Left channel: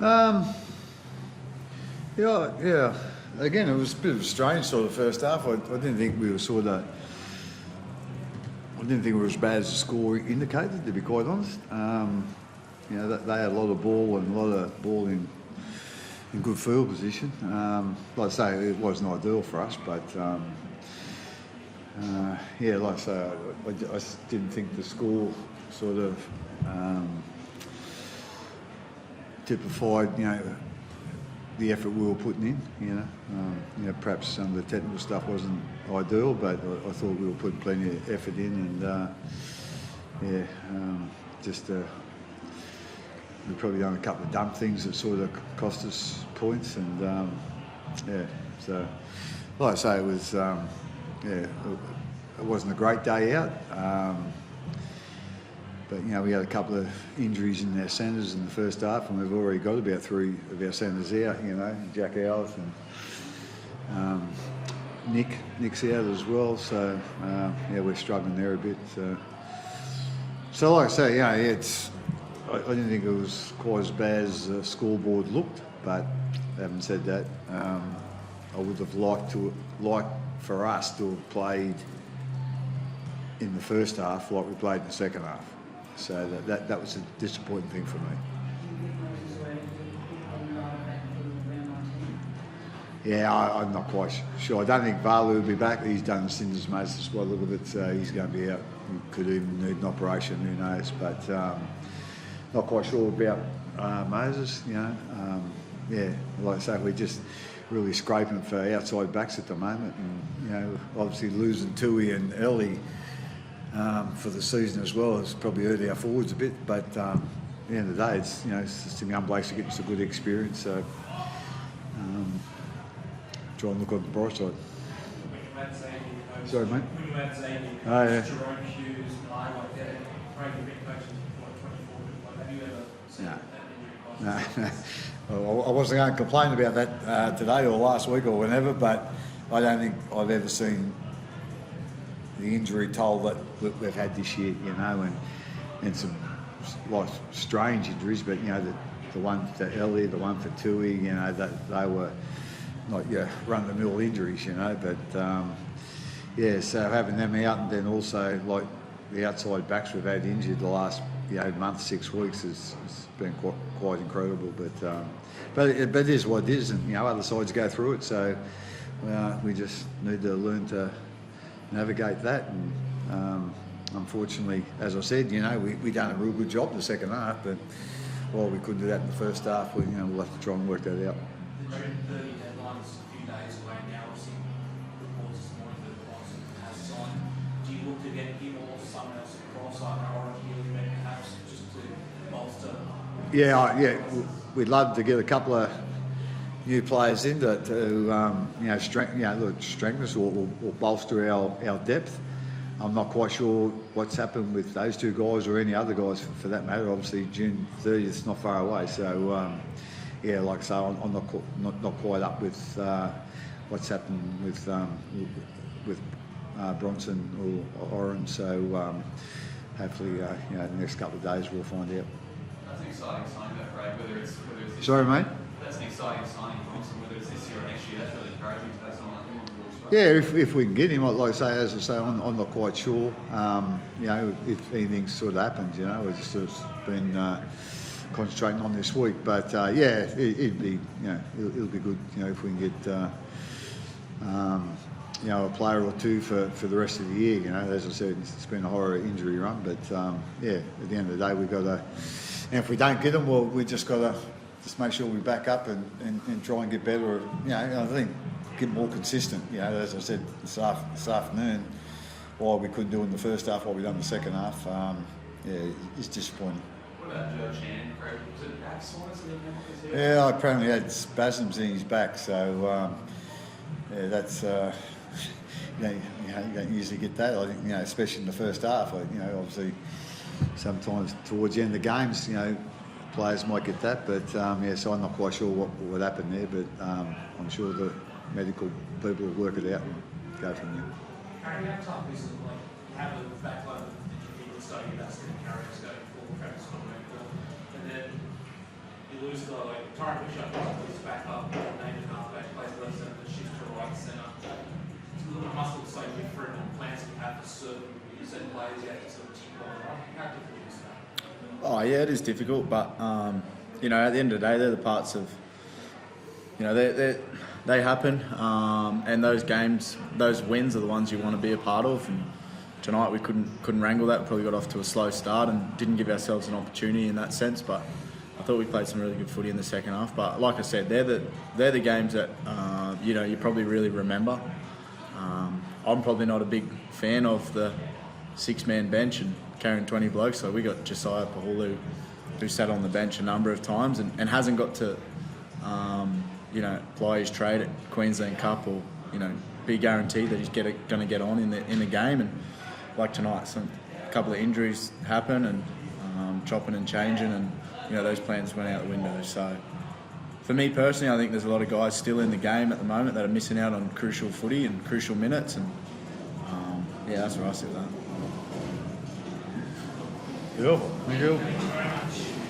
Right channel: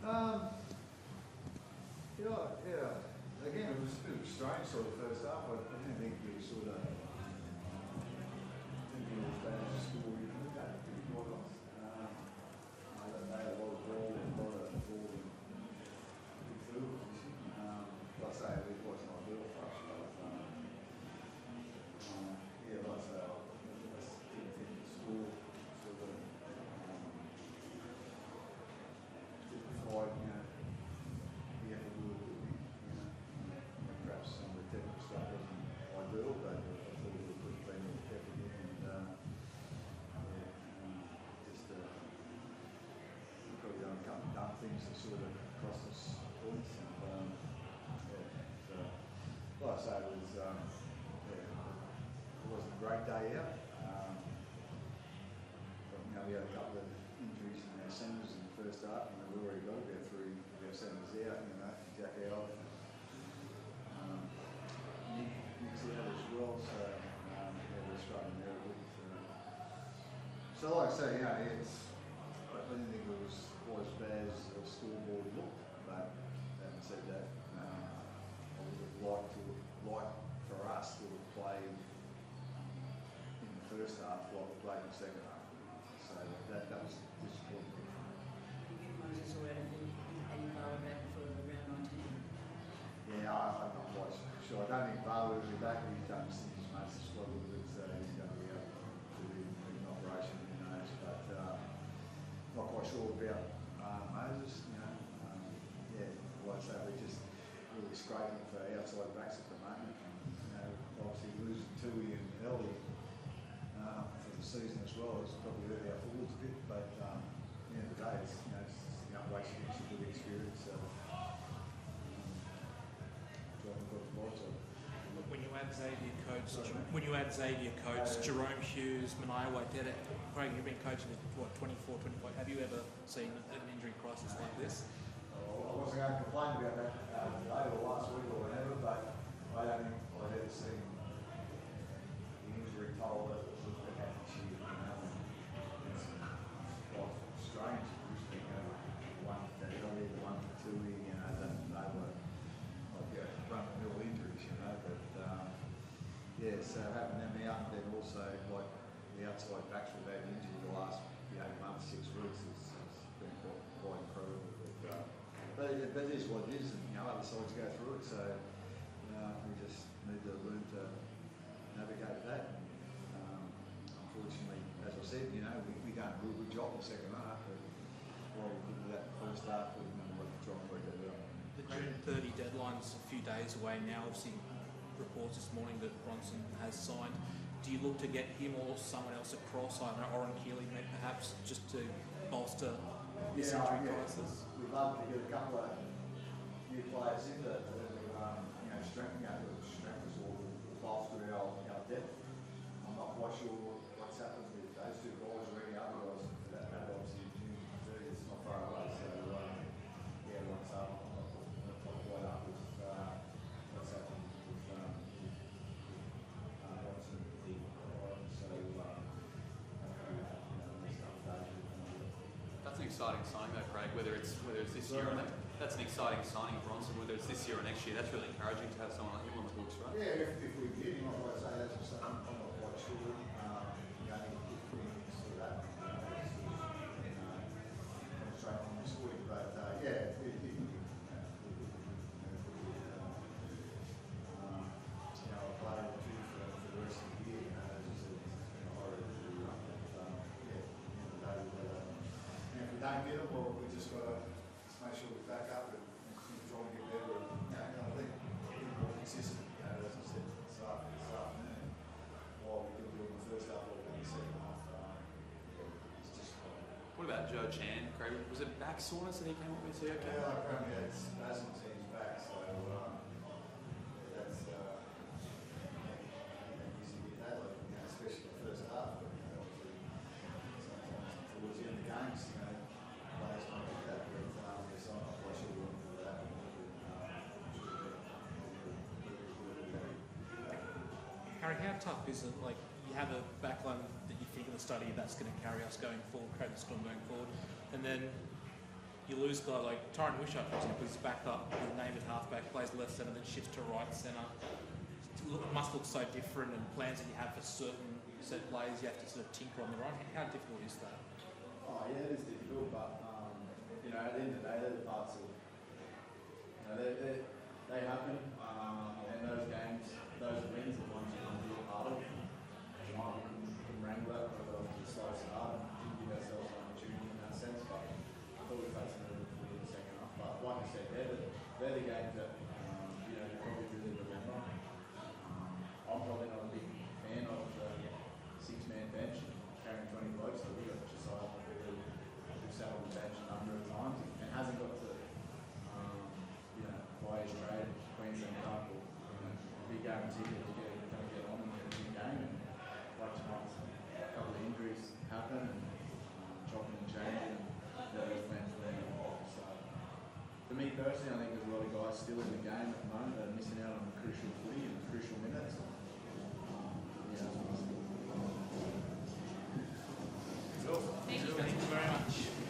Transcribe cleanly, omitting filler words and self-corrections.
Um, yeah. Again, it was a bit of a strange sort of first half. I didn't think we were I didn't think we were as bad as the score indicated, to be quite honest. They had a lot of ball and a lot of ball in good field position. Like I say, it wasn't ideal for us, but like I say, I just didn't think the score sort of typified, the effort we were putting in. Perhaps some of the technical stuff wasn't ideal, but I thought we were putting plenty of effort in, and we've probably done a couple of dumb things that sort of cost us points, and so like I say, it was it wasn't a great day out. But we had a couple of injuries in our centres in the first half, and we've already got about 3 of our centres out. Jack Owens and Nick's out as well. So we're struggling there a bit. So like I say, I didn't think it was quite as bad as the scoreboard looked. But having said that, I would have liked for us to have played in the first half like we played in the second half. So that was a disappointing thing for me. Yeah, I'm not quite sure. I don't think Valu will be back. He's done Cinder's Moses squad a little bit, so he's going to be out. He could even need an operation, who knows. But not quite sure about Moses, like I say, we're just really scraping for outside backs at the moment. And, obviously losing Tui and Ellie for the season as well has probably hurt our forwards a bit, but at the end of the day, it's just a young blokes to get us a good experience. So try and look on the bright side. Sorry, mate. When you add Xavier, Jerome Hughes, Malai, Craig Bellamy coaching for 24, have you ever seen that injury crisis? No. I wasn't going to complain about that today or last week or whenever, but I don't think I've ever seen the injury toll that we've had this year, and some like strange injuries, but the one for Ellie, the one for Tui, that they were not run-of-the-mill injuries, but so having them out, and then also like the outside backs we've had injured the last month, 6 weeks has been quite incredible, but it is what it is, and other sides go through it, so we just need to learn to navigate that, and unfortunately, as I said, we done a real good job in the second half, but while we couldn't do that in the first half, we'll have to try and work that out. The June 30 deadline is a few days away now. Obviously, reports this morning that Bryson has signed. Do you look to get him or someone else across, like Oren Healy, perhaps, just to bolster? We'd love to get a couple of new players in to strengthen us or bolster our depth. I'm not quite sure what's happened with those 2 guys or any other guys for that matter. Obviously, June 30th is not far away, so like I say, I'm not quite up with what's happened with Bronson or Oren. So hopefully, the next couple of days we'll find out. That's an exciting sign, though, Craig. Whether it's this Sorry, mate. That's an exciting sign, Bronson. Whether it's this year or next year, that's really encouraging to have someone like him on board. Yeah, if we can get him, like I say, I'm not quite sure. If anything sort of happens, we've just sort of been concentrating on this week. But it'd be, it'll be good, if we can get, a player or 2 for the rest of the year. As I said, it's been a horror injury run, but at the end of the day, we've got to. And if we don't get them, well, we just got to just make sure we back up and try and get better. I think get more consistent. As I said this afternoon, while we couldn't do it in the first half, while we done in the second half, it's disappointing. What about Joe Chan, Craig? Was it back soreness that he came off his head? Yeah, apparently he had spasms in his back, so that's you don't usually get that. I think especially in the first half. Obviously sometimes towards the end of the games, players might get that, but so I'm not quite sure what happened there, but I'm sure the medical people will work it out and go from there. How tough is it, like, have a backline that you feel the study that's going to carry us going forward, Travis Conway, and then you lose guy like Tyron Bishop was back up, named at halfback, plays left centre, shift to right centre. It must look so different, and plans that you have for certain players you have to sort of tick on. How difficult is that? Oh yeah, it is difficult, but you know, at the end of the day, they're the parts of, you know, they happen, and those games, those wins are the ones you want to be a part of. And tonight we couldn't wrangle that. Probably got off to a slow start and didn't give ourselves an opportunity in that sense. But I thought we played some really good footy in the second half. But like I said, they're the games that you know, you probably really remember. I'm probably not a big fan of the 6-man bench and carrying 20 blokes. So we got Josiah Pahulu, who sat on the bench a number of times and hasn't got to you know, ply his trade at Queensland Cup, or you know, be guaranteed that he's going to get on in the game. And like tonight, a couple of injuries happen, and chopping and changing, and you know, those plans went out the window. So for me personally, I think there's a lot of guys still in the game at the moment that are missing out on crucial footy and crucial minutes, and yeah, that's where I sit with that. Cool. Thank you. Thank you very much.